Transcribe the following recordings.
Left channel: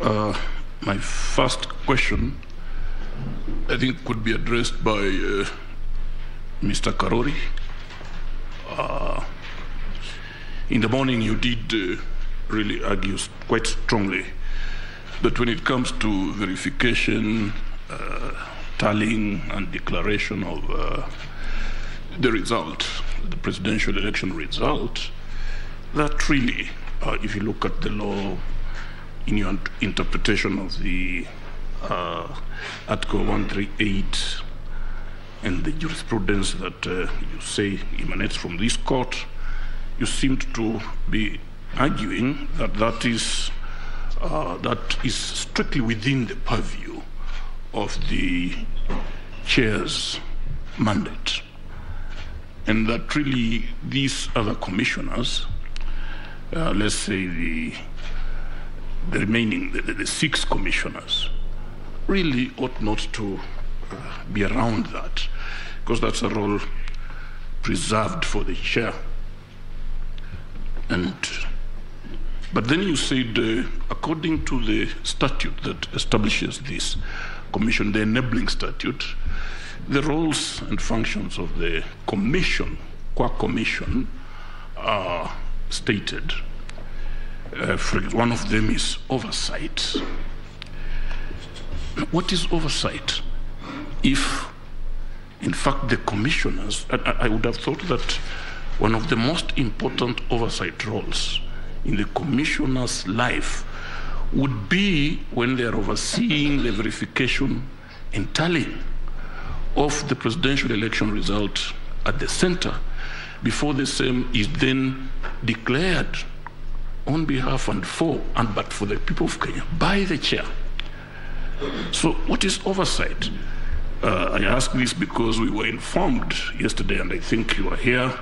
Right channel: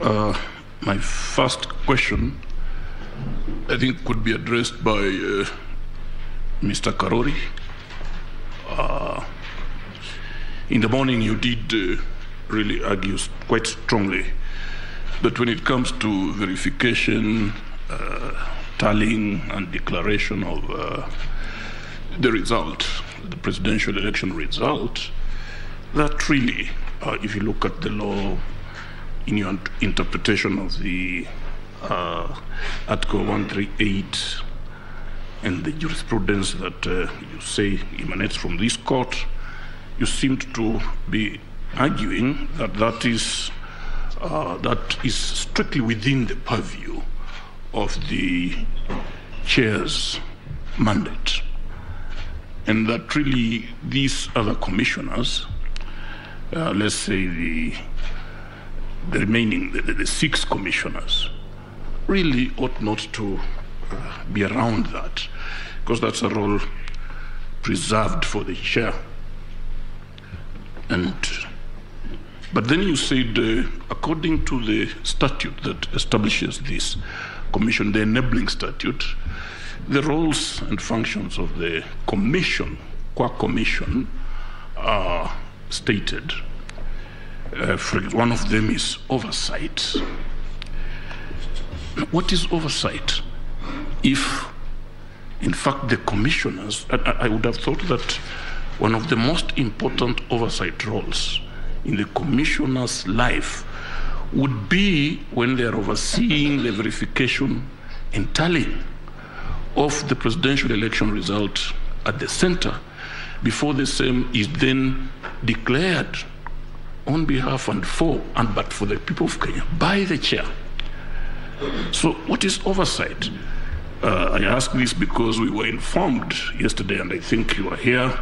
My first question, I think, could be addressed by Mr. Karori. In the morning, you did really argue quite strongly that when it comes to verification, tallying, and declaration of the result, the presidential election result, that really, if you look at the law, in your interpretation of the Article 138 and the jurisprudence that you say emanates from this court, you seemed to be arguing that that is strictly within the purview of the chair's mandate, and that really these other commissioners, let's say the remaining, the 6 commissioners, really ought not to be around that, because that's a role preserved for the chair. But then you said, according to the statute that establishes this commission, the enabling statute, the roles and functions of the commission, Quack Commission, are stated. One of them is oversight. What is oversight? If, in fact, the commissioners, I would have thought that one of the most important oversight roles in the commissioner's life would be when they are overseeing the verification and tallying of the presidential election result at the center before the same is then declared on behalf but for the people of Kenya by the chair. So what is oversight? I ask this because we were informed yesterday, and I think you were here,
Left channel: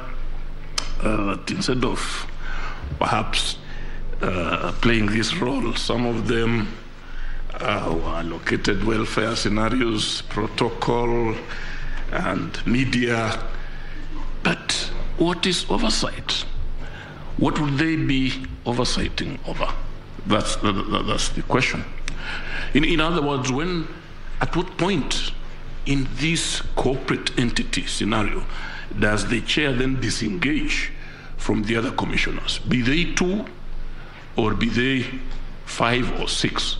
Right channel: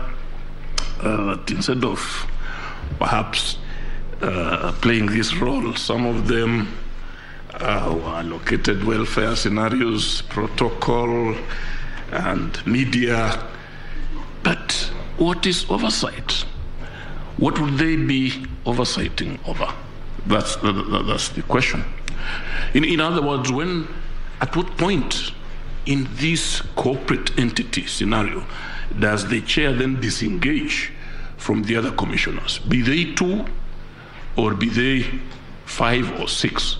that instead of perhaps playing this role, some of them were allocated welfare scenarios, protocol, and media. But what is oversight? What would they be oversighting over? That's the question. In other words, at what point in this corporate entity scenario does the chair then disengage from the other commissioners? Be they 2 or be they 5 or 6?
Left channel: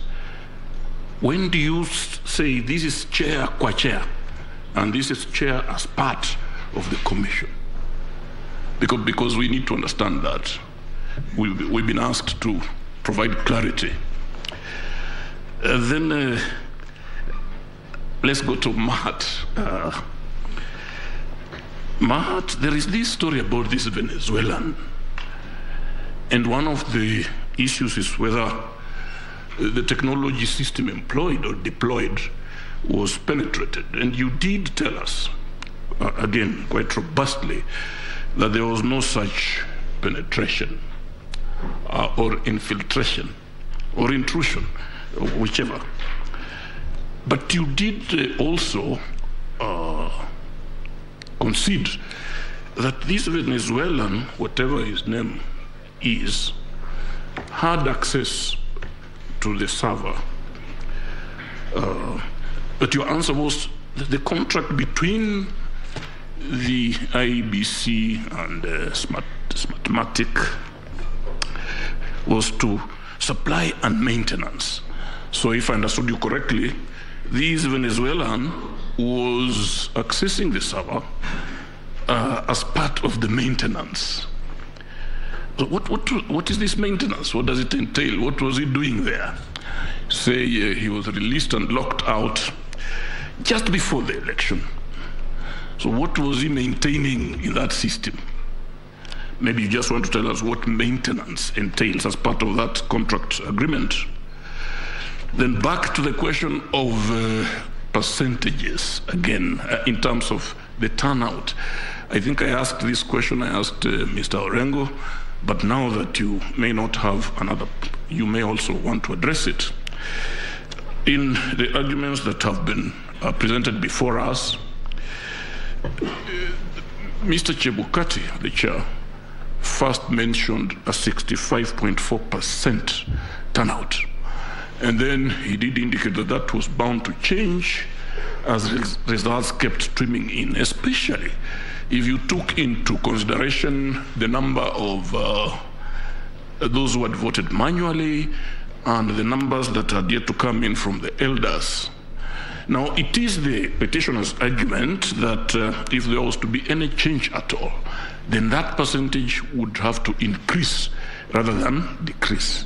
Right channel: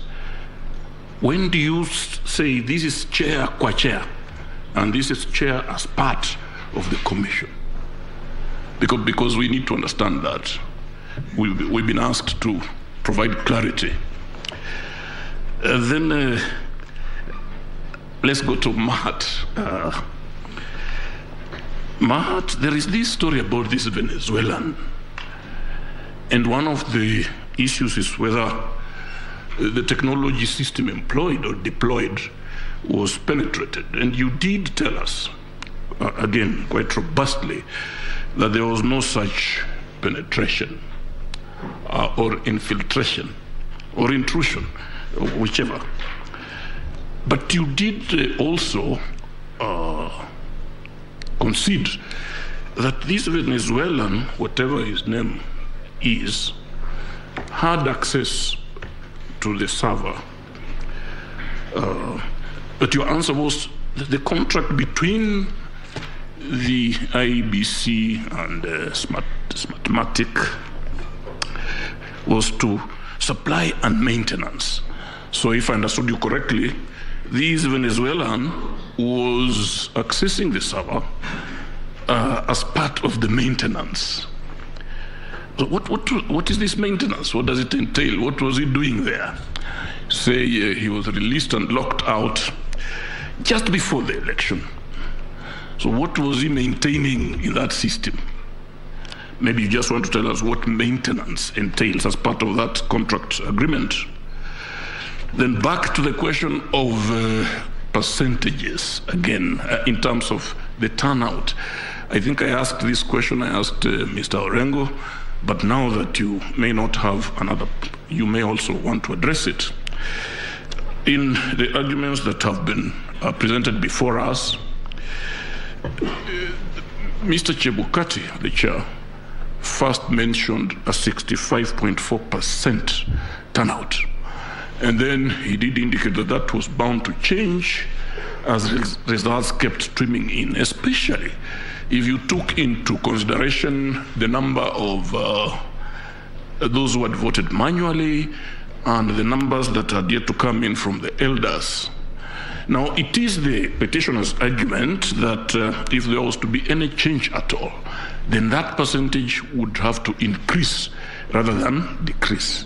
When do you say this is chair qua chair and this is chair as part of the commission? Because we need to understand that. We've been asked to provide clarity. Then let's go to Mahat. Mahat, there is this story about this Venezuelan. And one of the issues is whether the technology system employed or deployed was penetrated. And you did tell us, again, quite robustly, that there was no such penetration or infiltration or intrusion, whichever. But you did also concede that this Venezuelan, whatever his name is, had access to the server. But your answer was that the contract between the IBC and Smartmatic was to supply and maintenance. So if I understood you correctly, this Venezuelan was accessing the server as part of the maintenance. So what is this maintenance? What does it entail? What was he doing there? Say he was released and locked out just before the election. So what was he maintaining in that system? Maybe you just want to tell us what maintenance entails as part of that contract agreement. Then back to the question of percentages again, in terms of the turnout. I think I asked this question, I asked Mr. Orengo, but now that you may not have another, you may also want to address it. In the arguments that have been presented before us, Mr. Chebukati, the chair, first mentioned a 65.4% turnout. And then he did indicate that that was bound to change as results kept streaming in, especially if you took into consideration the number of those who had voted manually and the numbers that had yet to come in from the elders. Now, it is the petitioner's argument that if there was to be any change at all, then that percentage would have to increase rather than decrease.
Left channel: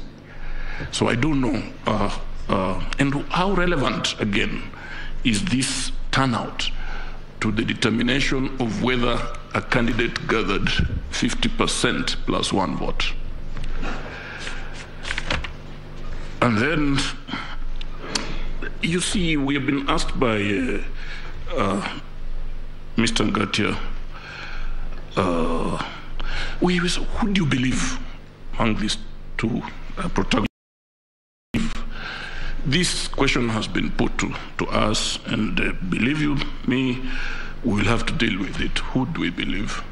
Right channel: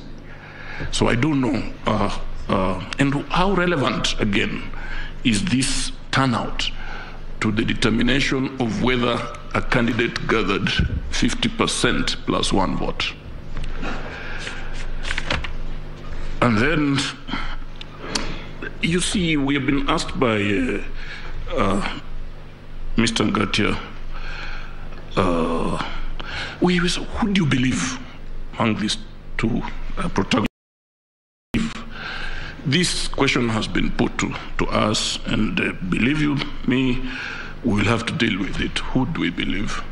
So I don't know. And how relevant, again, is this turnout to the determination of whether a candidate gathered 50% plus one vote? And then, you see, we have been asked by Mr. Ngatia, who do you believe among these two protagonists? This question has been put to us, and believe you me, we will have to deal with it. Who do we believe?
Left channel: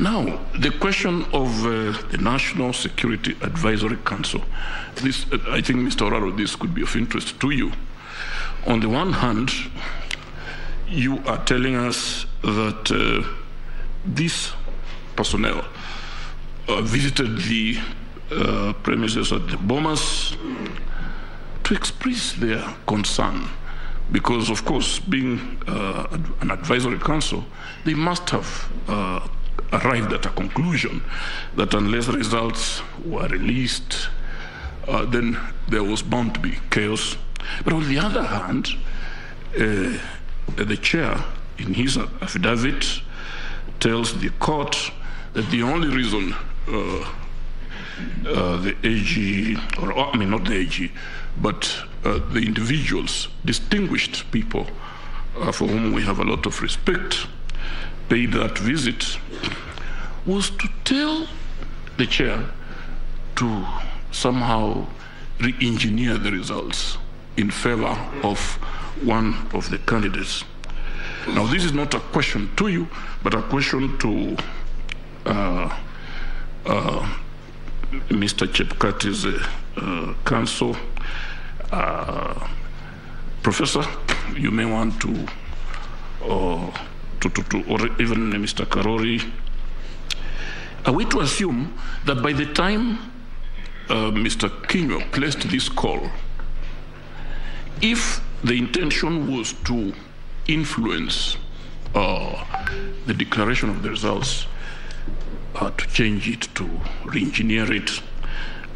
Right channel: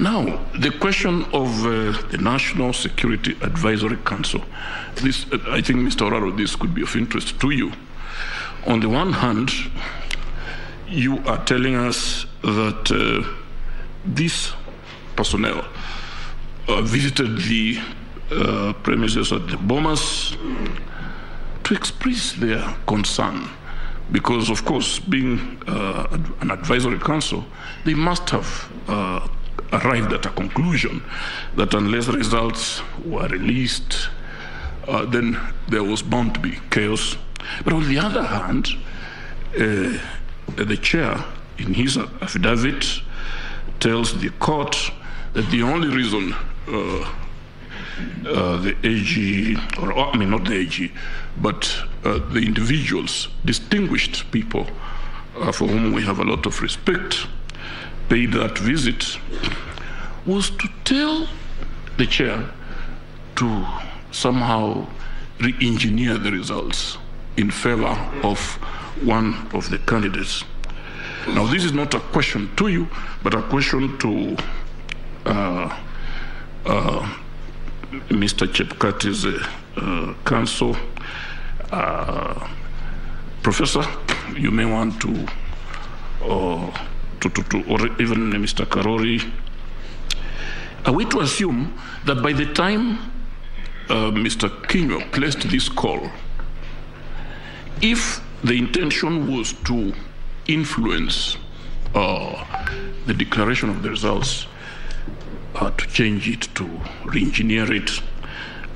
Now, the question of the National Security Advisory Council. This, I think, Mr. Oraro, this could be of interest to you. On the one hand, you are telling us that this personnel visited the premises at the Bomas to express their concern, because, of course, being an advisory council, they must have arrived at a conclusion that unless results were released, then there was bound to be chaos. But on the other hand, the chair, in his affidavit, tells the court that the only reason the AG, or I mean not the AG, but the individuals, distinguished people for whom we have a lot of respect, paid that visit, was to tell the chair to somehow re-engineer the results in favor of one of the candidates. Now, this is not a question to you, but a question to Mr. Chepkati's counsel. Professor, you may want to, or even Mr. Karori, are we to assume that by the time Mr. Kinyo placed this call, if the intention was to influence the declaration of the results, to change it, to re-engineer it,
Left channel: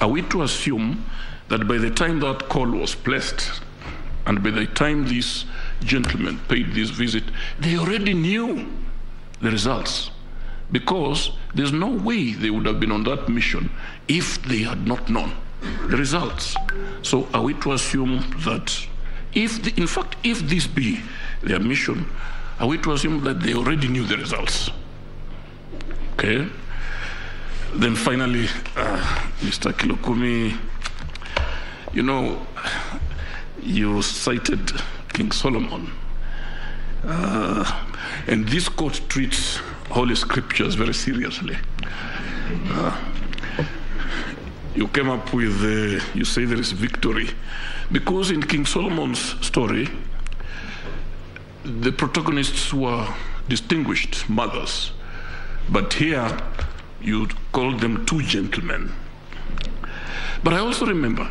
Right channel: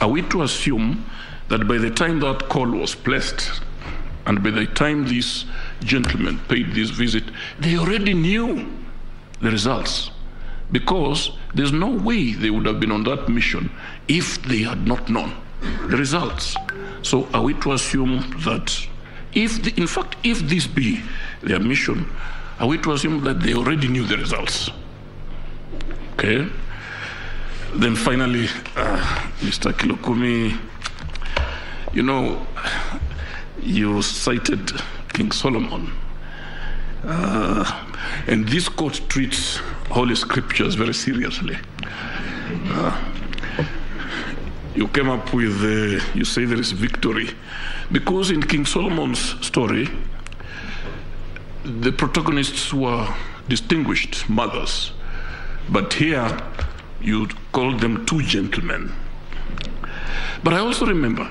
are we to assume that by the time that call was placed and by the time this gentleman paid this visit, they already knew the results? Because there's no way they would have been on that mission if they had not known the results. So are we to assume that in fact, if this be their mission, are we to assume that they already knew the results? Okay. Then finally, Mr. Kilokumi, you know, you cited King Solomon. And this court treats Holy Scriptures very seriously. You came up with, you say there is victory. Because in King Solomon's story, the protagonists were distinguished mothers. But here, you called them two gentlemen. But I also remember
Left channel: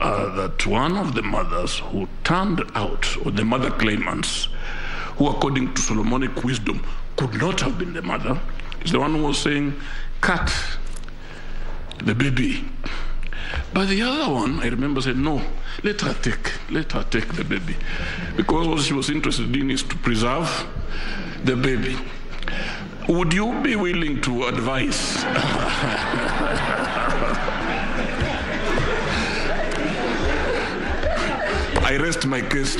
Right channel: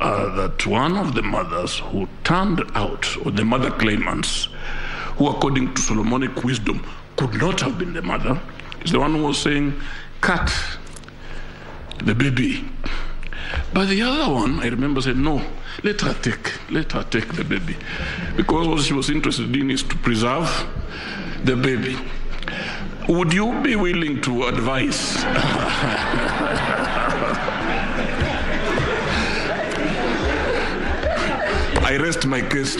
that one of the mothers who turned out, or the mother claimants, who according to Solomonic wisdom could not have been the mother, is the one who was saying, cut the baby. But the other one, I remember, said, no, let her take the baby. Because what she was interested in is to preserve the baby. Would you be willing to advise? I rest my case.